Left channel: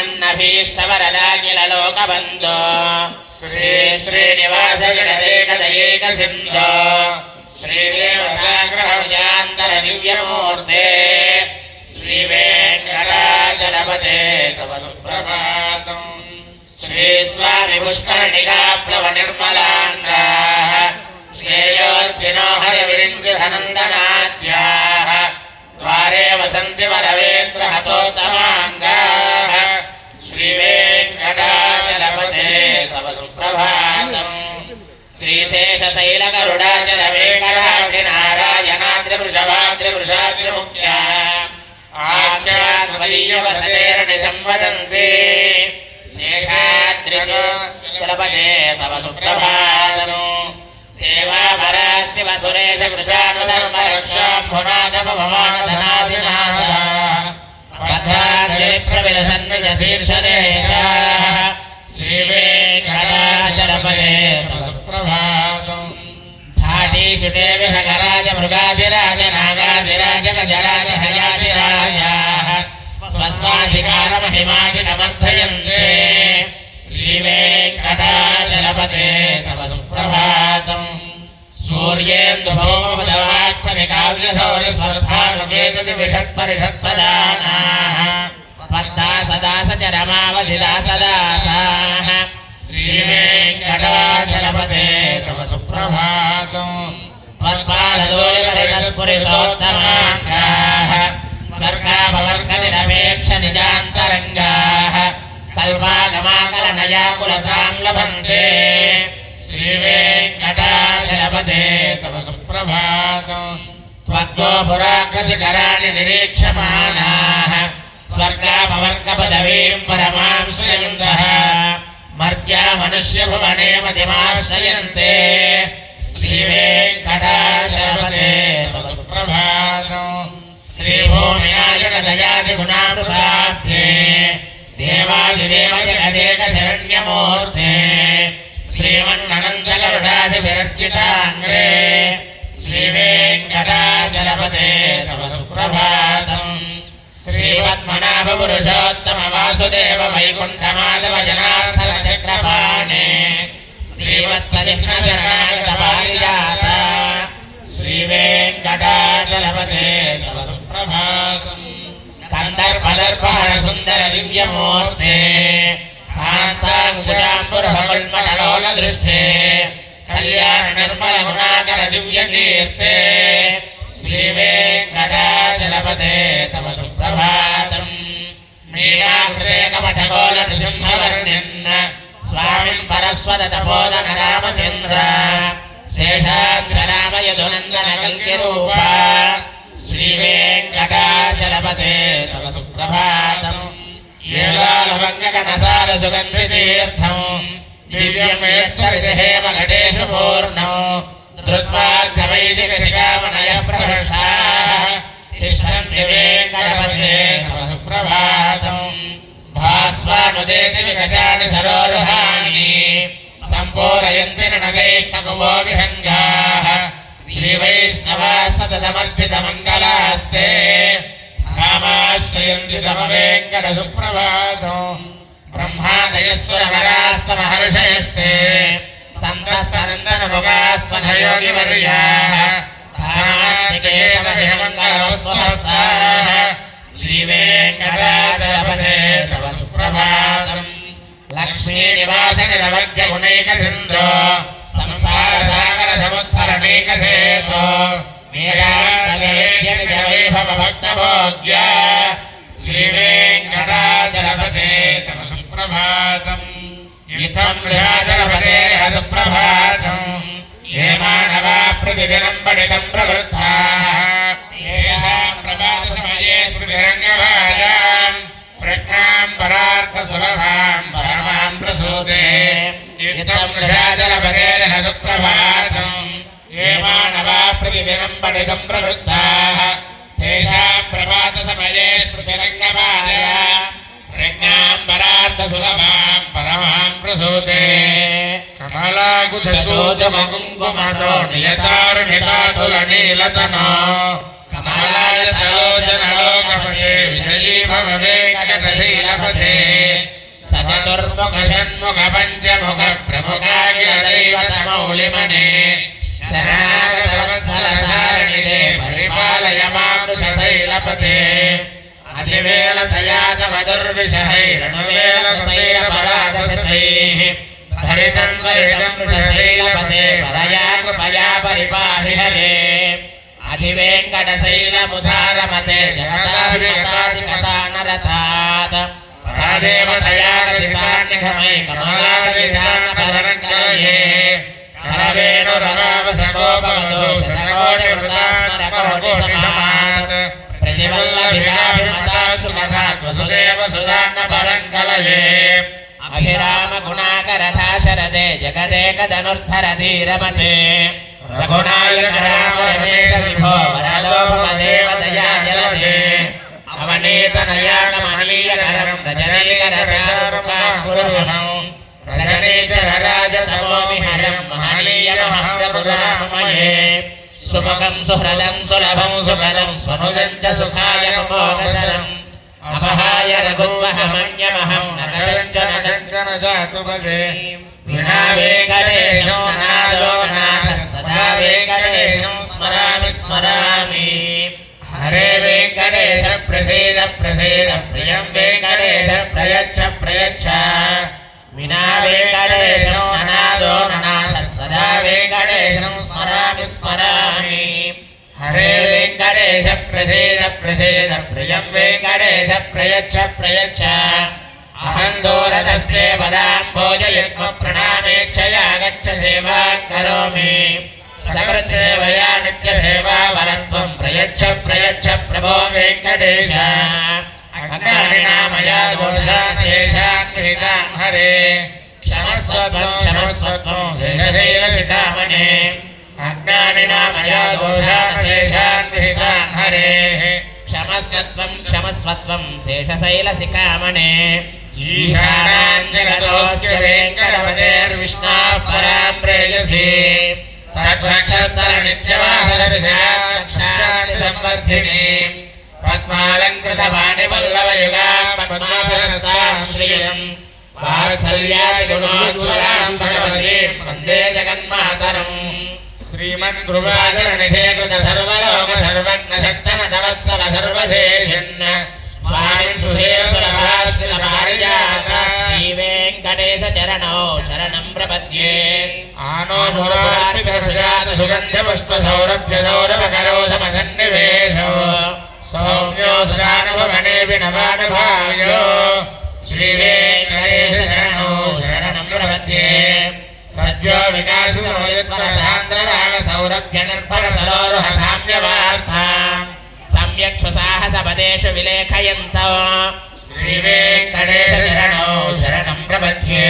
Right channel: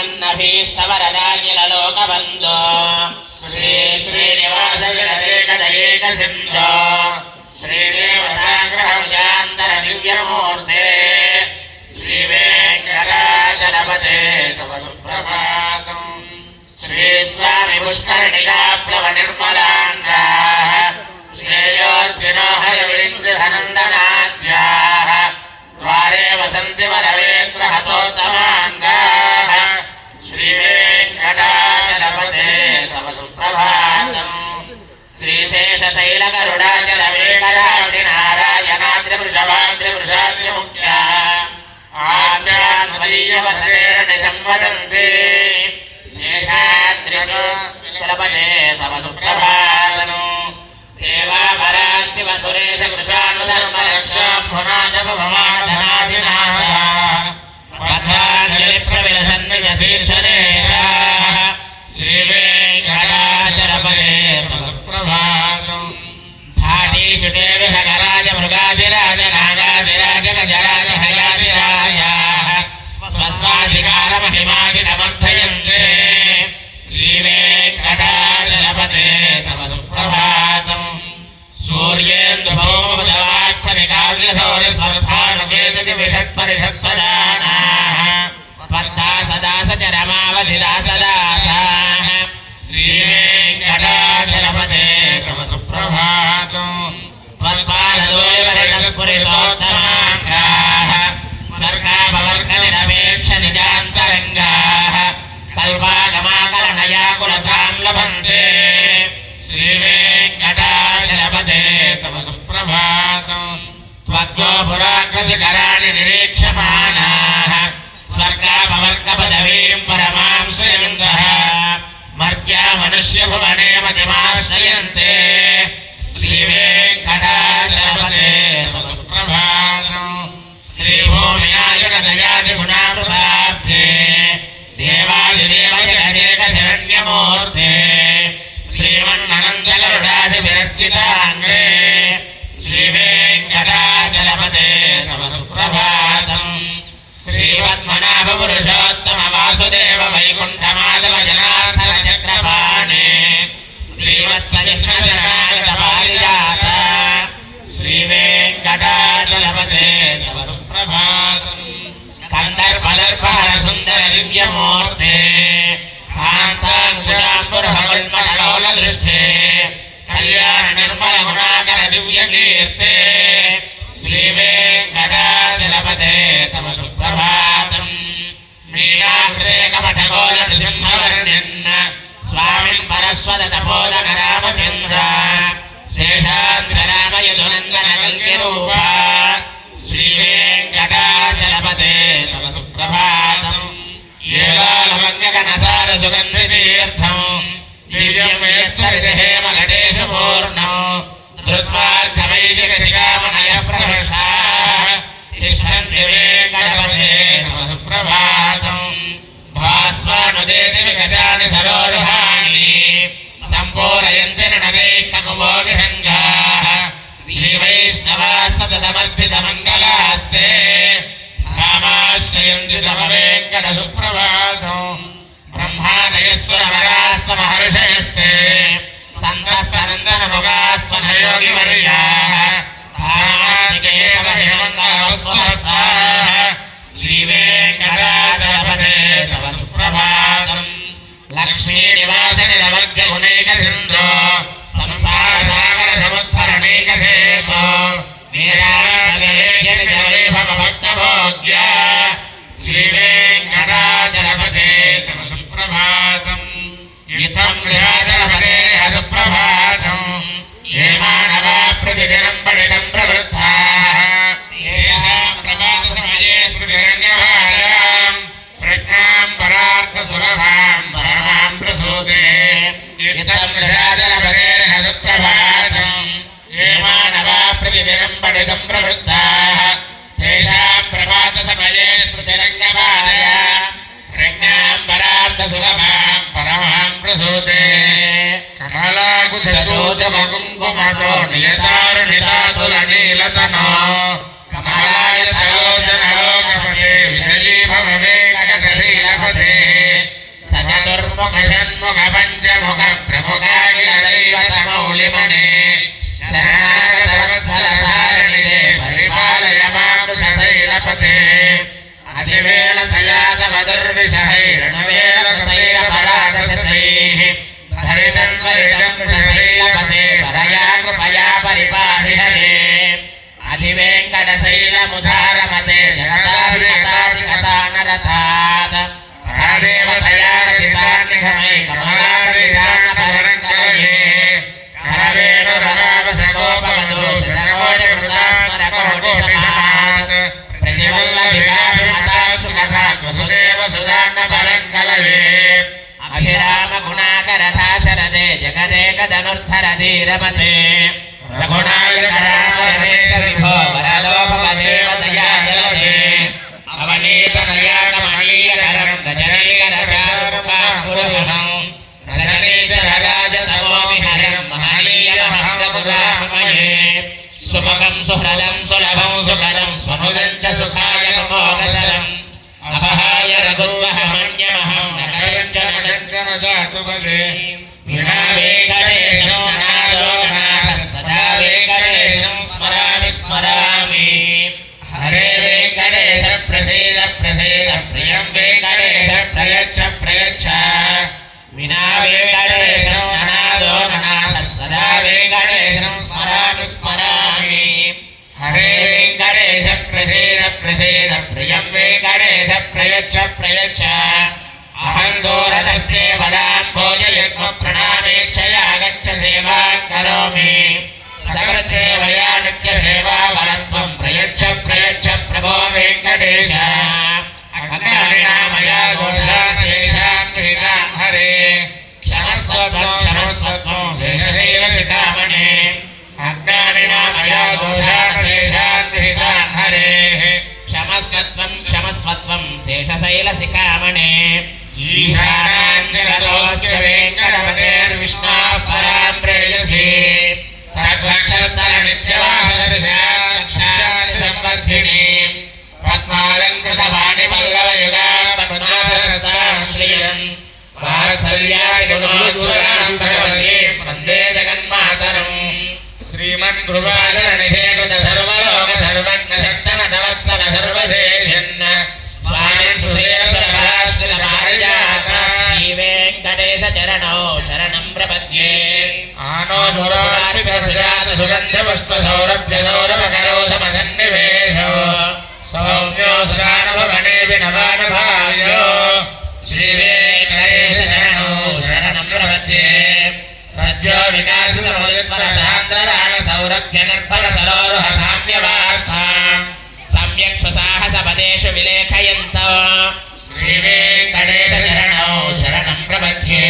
श्रीमन्नभीष्टवरदाखिललोकबन्धो श्री श्रीनिवास जगदेकदयेक सिन्धो श्रीदेवताग्रहजान्तर दिव्यमूर्ते श्रीवेङ्कटाचलपते तव सुप्रभातम् श्री स्वामी पुष्करणिका प्लव निर्मलाङ्गाः श्रेयोर्थिनो हरिविरिन्दनन्दनाद्याः द्वारे वसन्ति वरवेन्द्रहतोत्तमाङ्गाः श्रीवेङ्कटाचलपते तव सुप्रभातम् श्रीशेषशैलगरुडाचलवेकराजिनारायणाद्रिवृषभाद्रिवृषाद्रिमुख्या आख्याद्वदीयवसतेर्निसंवदन्ति शेषाद्रिशलपते तव सुप्रभातम् सेवापरा शिवसुरेश कृशानुधर्मरक्षाम्भुनाथपवमानधनाधिनाथः पथानिप्रविलसन्निजशीर्षदेशाः श्रीवेङ्कटाचलपते तव सुप्रभातम् धाटीषुटे विहगराज मृगाधिराज नागाधिराज गजराज हयाधिराजाः स्वस्वाधिकारमहिमाधिकमर्थयन्ते श्रीवेङ्कटाचलपते तव सुप्रभातम् सूर्येन्दुभौमदवाक्परिकाव्यसौर्यस्वर्भानुकेतुदिविषत्परिषत्प्रदानाः त्वत्ता सदा सचरमावधिदासदासाः श्रीवेङ्कटाचलपते तव सुप्रभातम् त्वत्पादोयस्फुरितोत्तमाङ्गाः स्वर्गापवर्गनिरपेक्षनिजान्तरङ्गाः कल्पागमाकलनयाकुलतां लभन्ते श्रीवेङ्कटाचलपते तव सुप्रभातम् त्वग्गो पुराग्रसिकराणि निरीक्षमाणाः स्वर्गापवर्गपदवीं परमां श्रयन्तः मर्त्या मनुष्यभुवने मतिमाश्रयन्ते श्रीवेङ्कटाचलपते तव सुप्रभातम् श्रीभूमिनायकदयादिगुणामृताब्धे देवादिदेव जगदेकशरण्यमूर्ते श्रीमन्ननन्दगरुडादिविरर्चिताङ्गे श्रीवेङ्कटाचलपते तव सुप्रभातम् श्रीपद्मनाभपुरुषोत्तमवासुदेव वैकुण्ठमाधव जनार्दन चक्रपाणे श्रीवत्सविघ्नशरणागतपारिजात श्रीवेङ्कटाचलपते तव सुप्रभातम् कन्दर्पदर्पहर सुन्दर दिव्यमूर्ते कान्ताङ्कुजाम्बुरहवल्मललोलदृष्टे कल्याण निर्मल गुणाकर दिव्यकीर्ते श्रीवेङ्कटाचलपते तव सुप्रभातम् मीनाकृते कपटकोलनृसिंहवर्ण्यन् स्वामिन् परस्वदतपोदन रामचन्द्र शेषाक्षरामयदुनन्दन कल्किरूपा श्रीवेङ्कटाचलपते तव सुप्रभातम् येलालमग्नगणसार सुगन्धितीर्थम् दिव्यं यस्सरितहेमघटेषु पूर्णम् धृत्वार्धवैदिकशिखामणयः प्रहर्षाः तिष्ठन्ति वेङ्कटपते तव सुप्रभातम् भास्वानुदेति विगतानि सरोरुहाणि सम्पूरयन्ति ननदैः ककुवो विहङ्गाः श्रीवैष्णवाः सततमर्थितमङ्गलास्ते धामाश्रयन्ति तव वेङ्कटसुप्रभातम् ब्रह्मादयस्वरवराः समहर्षयस्ते सन्तः सनन्दनमुगास्मनयोगिवर्याः धामास्तिके तव हेमङ्गलवस्वहस्ताः श्रीवेङ्कटाचलपते तव सुप्रभातम् लक्ष्मीनिवासनिरवर्ग्यगुणैकसिन्धो संसारसागरसमुद्धरणैकसेतो नीराजवैभवभक्तभोग्य श्रीवेङ्कटाचलपते तव सुप्रभातम् इत्थं मृगाचलपते सुप्रभातम् ये मानवा प्रतिदिनं पठितं प्रवृत्ताः येषां प्रभातसमये स्मृतिरङ्गभाजां प्रज्ञां परार्थसुलभां परमां प्रसूते इत्थं मृगाचलपते सुप्रभातम् ये मानवा प्रतिदिनं पठितं प्रवृत्ताः तेषां प्रभातसमये स्मृतिरङ्गभाजां प्रज्ञां परार्थसुलभां परमां प्रसूते कमलाकुचोचमकुङ्कुमतो नियतारुणितातुलनीलतनो कमलायतलोचनलोकपते विजयी भव वेङ्कटशैलपते చతుర్ముఖ షణ్ముఖ పంచముఖ ప్రముఖాగిరదైవతమౌలిమణే శరణాగతవత్సరసారిణిదే పరిపాలయ మామృషశైలపతే అతివేళతయా తవ దుర్విషహైరణువేళతైరపరాధసతైః భరితం వరిదం వృషశైలపతే వరయా కృపయా పరిపాహి హరే అధివేంకటశైలముధారమతే జగదాధిపతాధిపతానరథాత్ పరదేవతయా రచితాన్నిఘమై కమలాదిధానపరంకలయే కరవేణురవావసగోపవదో శతకోటివృతాస్మరకోటిసమాత్ ప్రతివల్లభిషాభిమతాసుకథాత్ వసుదేవసుదాన్నపరంకలయే అభిరామగుణాకరధాశరదే జగదేకధనుర్ధరధీరమతే రఘునాయక రామ రమేశ విభో వరదోపమదేవతయా జలదే అవనీతనయా కమనీయకరం రజనీకరచారుకాపురుహం రజనీచరరాజతమోమిహరం మహనీయమహం రఘురామమయే సుముఖం సుహృదం సులభం సుకరం స్వనుదం చ సుఖాయ మోగసరం అపహాయ రఘుర్వహమన్యమహం నటం చ జాతు బలే వినావేకరేషం ననాదో ననాథః సదా వేకరేషం స్మరామి స్మరామి హరే వేంకటేశ ప్రసీద ప్రసీద ప్రియం వేంకటేశ ప్రయచ్చ ప్రయచ్చ వినా వేంకటేశం ననాదో ననాథః సదా వేంకటేశం స్మరామి స్మరామి హరే వేంకటేశ ప్రసీద ప్రసీద ప్రియం వేంకటేశ ప్రయచ్చ ప్రయచ్చ అహం దూరదస్తే వదాంభోజయుగ్మ ప్రణామేక్షయా గచ్చ సేవాం కరోమి సకలసేవయా నిత్యసేవా వరత్వం ప్రయచ్చ ప్రయచ్చ ప్రభో వెంకటేశ అజ్ఞానినామయా దోషాశేషాం విహితాం హరే క్షమస్వత్వం క్షమస్వత్వం శేషశైలశిఖామణే అజ్ఞానినామయా దోషాశేషాం విహితాం హరే క్షమస్వత్వం క్షమస్వత్వం శేషశైలశిఖామణే ఈశానాంజగదోస్య వెంకటపతేర్విష్ణాః పరాం ప్రేయసీ తద్వక్షస్థల నిత్యవాహనదిశాక్షాది సంవర్ధిని పద్మాలంకృత వాణిపల్లవయుగాం పద్మాసనసాం శ్రియం వాత్సల్యాయ గుణోజ్వలాం భగవతీం వందే జగన్మాతరం శ్రీమద్గురువాదరణిధే కృత సర్వలోక సర్వజ్ఞ సత్తనతవత్సల సర్వశేషన్న స్వామిన్ సుసేవరాశ్రిత పారిజాత శ్రీ వెంకటేశ చరణో శరణం ప్రపద్యే ఆనో ధురార్పిత సుజాత సుగంధ పుష్ప సౌరభ్య సౌరభకరో సమసన్నివేశో సౌమ్యో సదానుభవనే వినవానుభావ్యో శ్రీ వెంకటేశ చరణో శరణం ప్రపద్యే సద్యో వికాసిత మయోత్పర సాంద్రరాగ సౌరభ్య నిర్భర సరోరుహ సామ్యవార్థాం సమ్యక్ సుసాహస పదేషు విలేఖయంతో శ్రీ వెంకటేశ చరణో శరణం ప్రపద్యే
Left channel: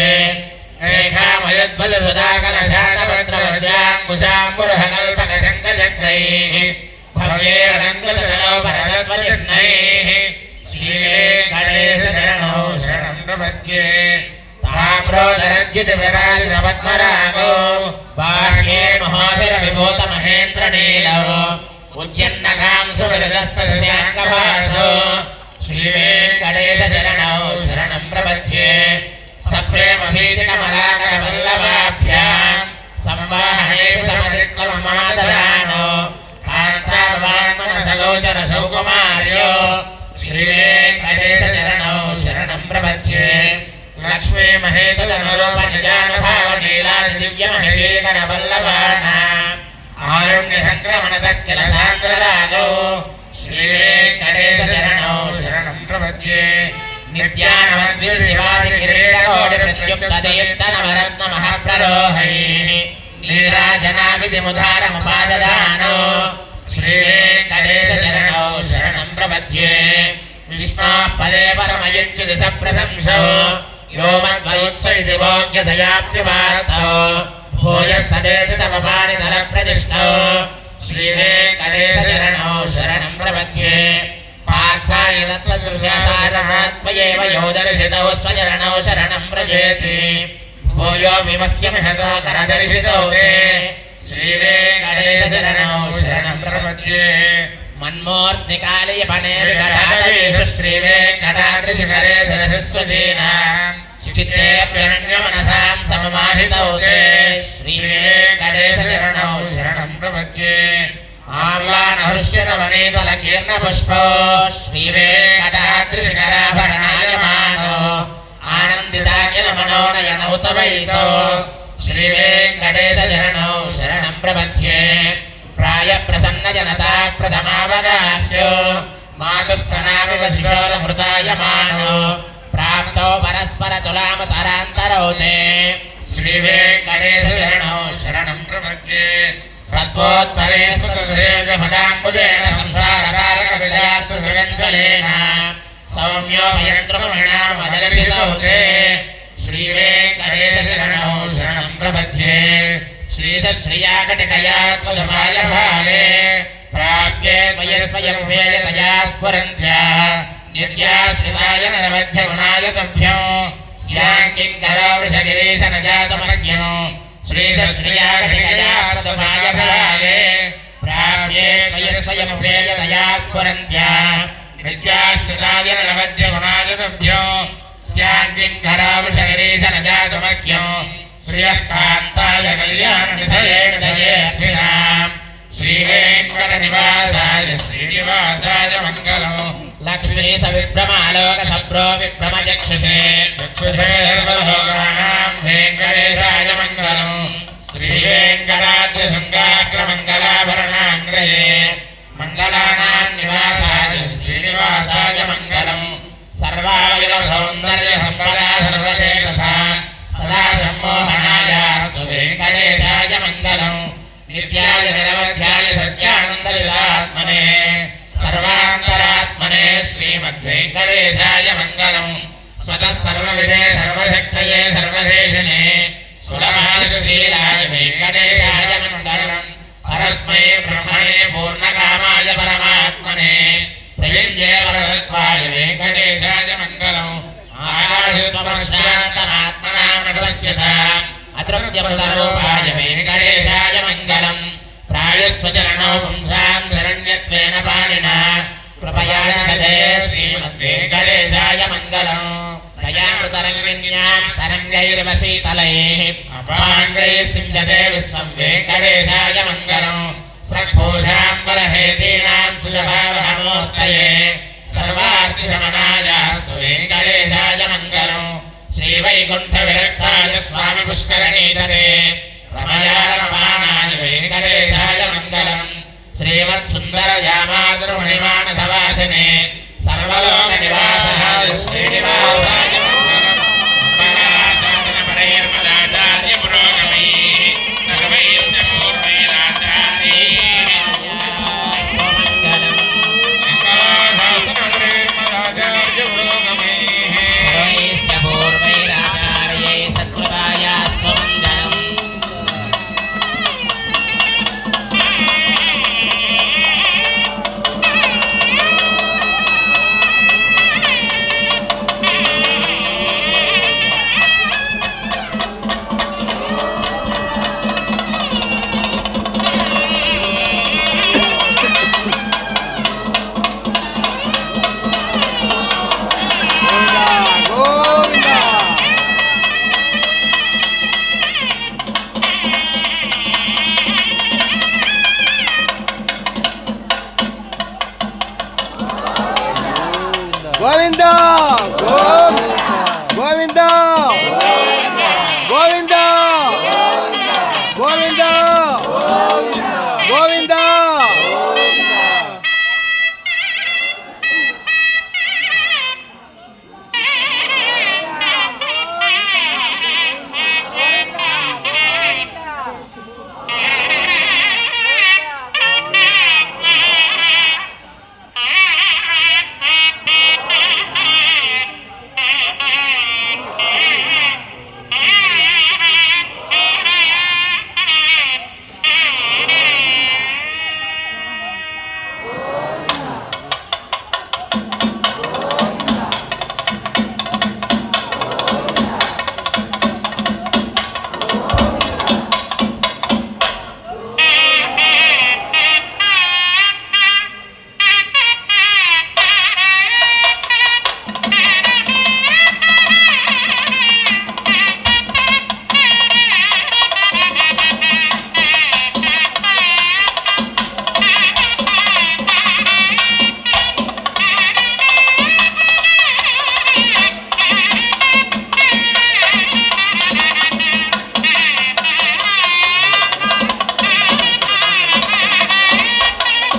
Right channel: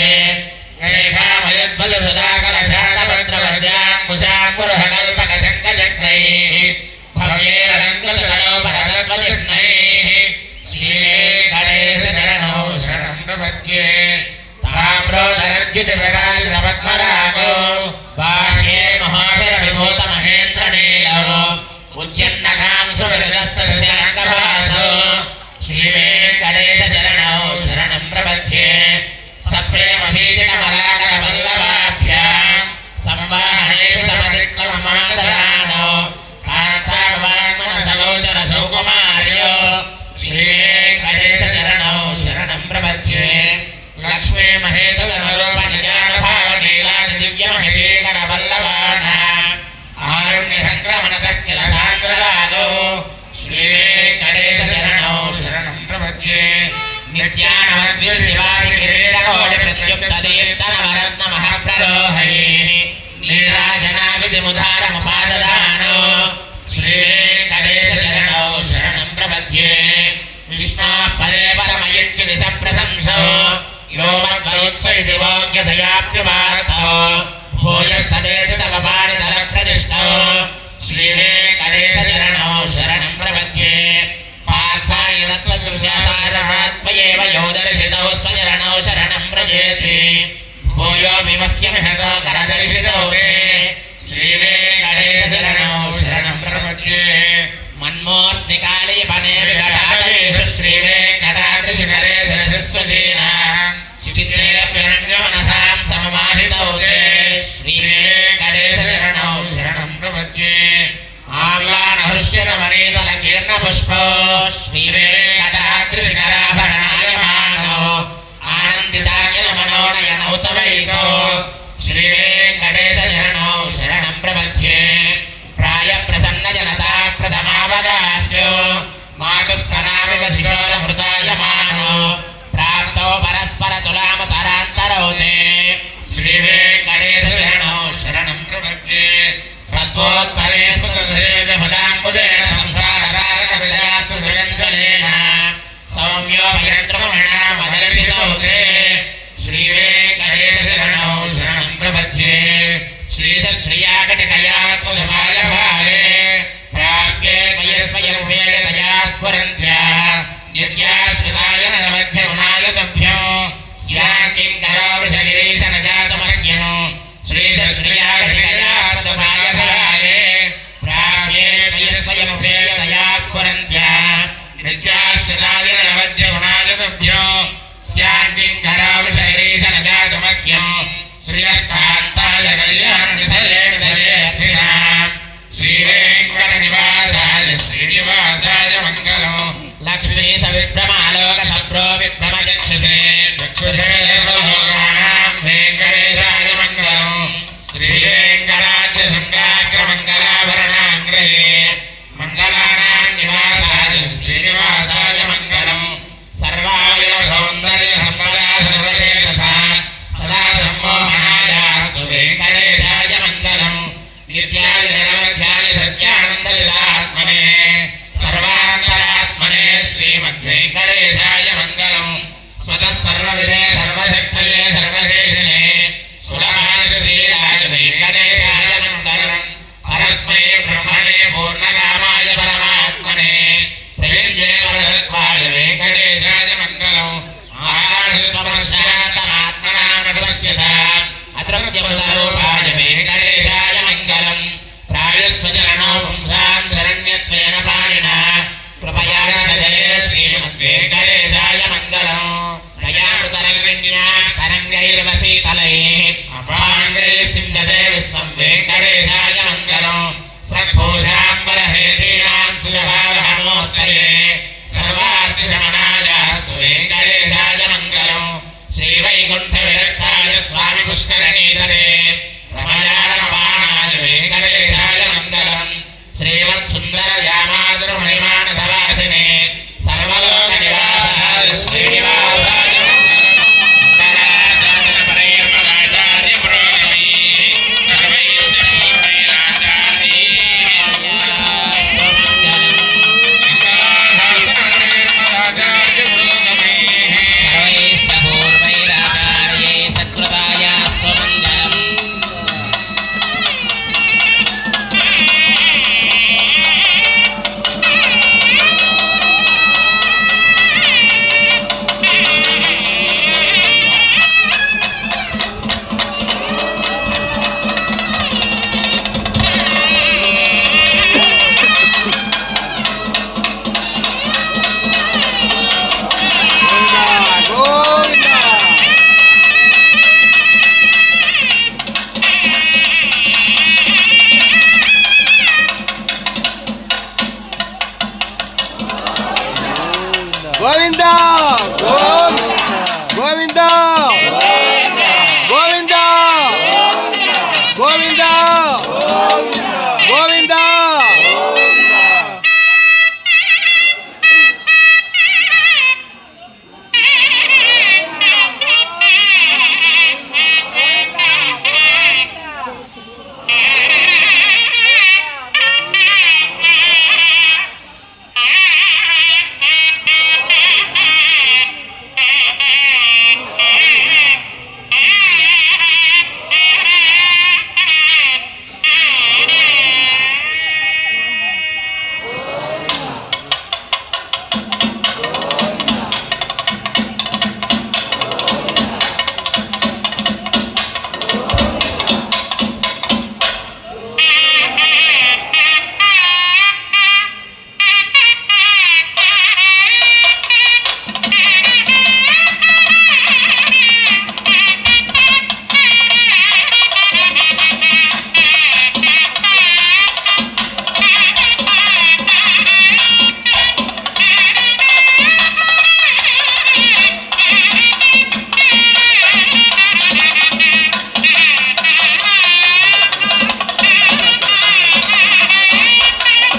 రేఖామయోద్భుత సుధాకర శాతపత్ర వజ్రాంకుశాంకురః కల్పక శంఖచక్రైః భవ్యేరలంకృతకలోపరతత్వచిహ్నైః శ్రీ వెంకటేశ చరణో శరణం ప్రపద్యే తామ్రోదరద్యుతి విరాజిత పద్మరాగో బాహ్యే మహోదర విభూత మహేంద్ర నీలో ఉద్యన్నకాంశు విరదస్త శశాంకభాసో శ్రీ వెంకటేశ చరణో శరణం ప్రపద్యే సప్రేమ భీతిక మలాకర వల్లభాభ్యాం సంవాహనేపి సమధిక్రమమాదదానో కాంతావాన్మన సలోచన సౌకుమార్యో శ్రీ వెంకటేశ చరణో శరణం ప్రపద్యే లక్ష్మీ మహేతదనురూపనిజానభావనీలాది దివ్యమహేకర వల్లభానాం ఆరుణ్య సంక్రమణ తక్కిల సాంద్రరాగో శ్రీ వెంకటేశ చరణో శరణం ప్రపద్యే నిత్యానవద్య శివాది కిరీటకోటి ప్రత్యుక్త దీప్తన వరత్న మహాప్రరోహైః నీరాజనావిధిముదారముపాదదానో శ్రీ వెంకటేశ చరణో శరణం ప్రపద్యే విష్ణోః పదే పరమయుక్తి సప్రశంసో यो मद्वत्स इति वाक्यदयाप्युपार्थो भूयस्तदेति तव पाणितलप्रतिष्ठो श्री वेङ्कटेश चरणो शरणं प्रपद्ये पार्थाय तत्त्वदृशासारथात्मयेव यो दर्शितौ स्वचरणौ शरणं व्रजेति भूयो विमह्यमिहतो करदर्शितो ते श्री वेङ्कटेश चरणौ शरणं प्रपद्ये मन्मूर्तिकालयपने विकटादेषु श्री वेङ्कटाद्रिशिखरे सरस्वतीनां चित्तेऽप्यनन्यमनसां सममाहितौ ते श्रीवेङ्कटेशचरणौ शरणं प्रपद्ये आम्लानहृष्यरवनीतलकीर्णपुष्पो श्रीवेङ्कटाद्रिशिखराभरणायमानो आनन्दिताखिलमनोनयनौ तवैतो श्रीवेङ्कटेशचरणौ शरणं प्रपद्ये प्रायप्रसन्नजनता प्रथमावगाह्यो मातुस्तनामिव शिशोरमृतायमानो प्राप्तो परस्परतुलामतरान्तरौ ते श्रीवेङ्कटेशचरणौ शरणं प्रपद्ये सत्त्वोत्तरे सुतधुरेन्द्रपदाम्बुजेन संसारकारकविदार्थजगञ्जलेन सौम्योपयन्त्रमणा मदर्शितौ ते श्रीवेङ्कटेशचरणौ शरणं प्रपद्ये श्रीसश्रियाकटिकया त्वधमाय भावे प्राप्ये त्वयस्वयमुपेयतया स्फुरन्त्या नित्याश्रिताय नरवध्यगुणाय तुभ्यो स्याङ्किङ्करो वृषगिरीशनजातमज्ञो श्रीसश्रियाकटिकया त्वधमाय भावे प्राप्ये त्वयस्वयमुपेयतया स्फुरन्त्या नित्याश्रिताय नरवध्यगुणाय तुभ्यो स्याङ्किङ्करो वृषगिरीशनजातमज्ञो श्रियः कान्ताय कल्याणनिधये हृदयेऽर्थिनाम् श्रीवेङ्कटनिवासाय श्रीनिवासाय मङ्गलम् लक्ष्मी सविभ्रमालोकसप्रो विभ्रमचक्षुषे चक्षुषे सर्वलोकानां वेङ्कटेशाय मङ्गलम् श्रीवेङ्कटाद्रिशृङ्गाग्रमङ्गलाभरणाङ्ग्रये मङ्गलानां निवासाय श्रीनिवासाय मङ्गलम् सर्वावयवसौन्दर्यसम्पदा सर्वदेवता सदा सम्मोहनाय सुवेङ्कटेशाय मङ्गलम् नित्याय निरवध्याय सत्यानन्दविदात्मने सर्वान्तरात्मने श्रीमद्वेङ्कटेशाय मङ्गलम् स्वतः सर्वविदे सर्वशक्तये सर्वशेषिणे सुलभाय वेङ्कटेशाय मङ्गलम् परस्मै ब्रह्मणे पूर्णकामाय परमात्मने प्रेम्ये वरदत्वाय वेङ्कटेशाय मङ्गलम् आकाशतमस्यान्तमात्मना नभस्यत अतृप्यवतरूपाय वेङ्कटेशाय मङ्गलम् प्रायस्वचरणौ पुंसां शरण्यत्वेन पाणिना कृपया जये श्रीमद्वेङ्कटेशाय मङ्गलम् दयामृतरङ्गिण्यां तरङ्गैरिव शीतलैः अपाङ्गैः सिञ्चते विश्वं वेङ्कटेशाय मङ्गलम् सद्भूषाम्बरहेतीनां सुजभावहमूर्तये सर्वार्थिशमनाय वेङ्कटेशाय मङ्गलम् श्रीवैकुण्ठविरक्ताय स्वामि पुष्करणीतरे रमयारमाणाय वेङ्कटेशाय मङ्गलम् श्रीमत्सुन्दरयामातृमणिमानसवासिने सर्वलोकनिवासाय श्रीनिवासाय గోవింద గోవింద గోవింద గోవింద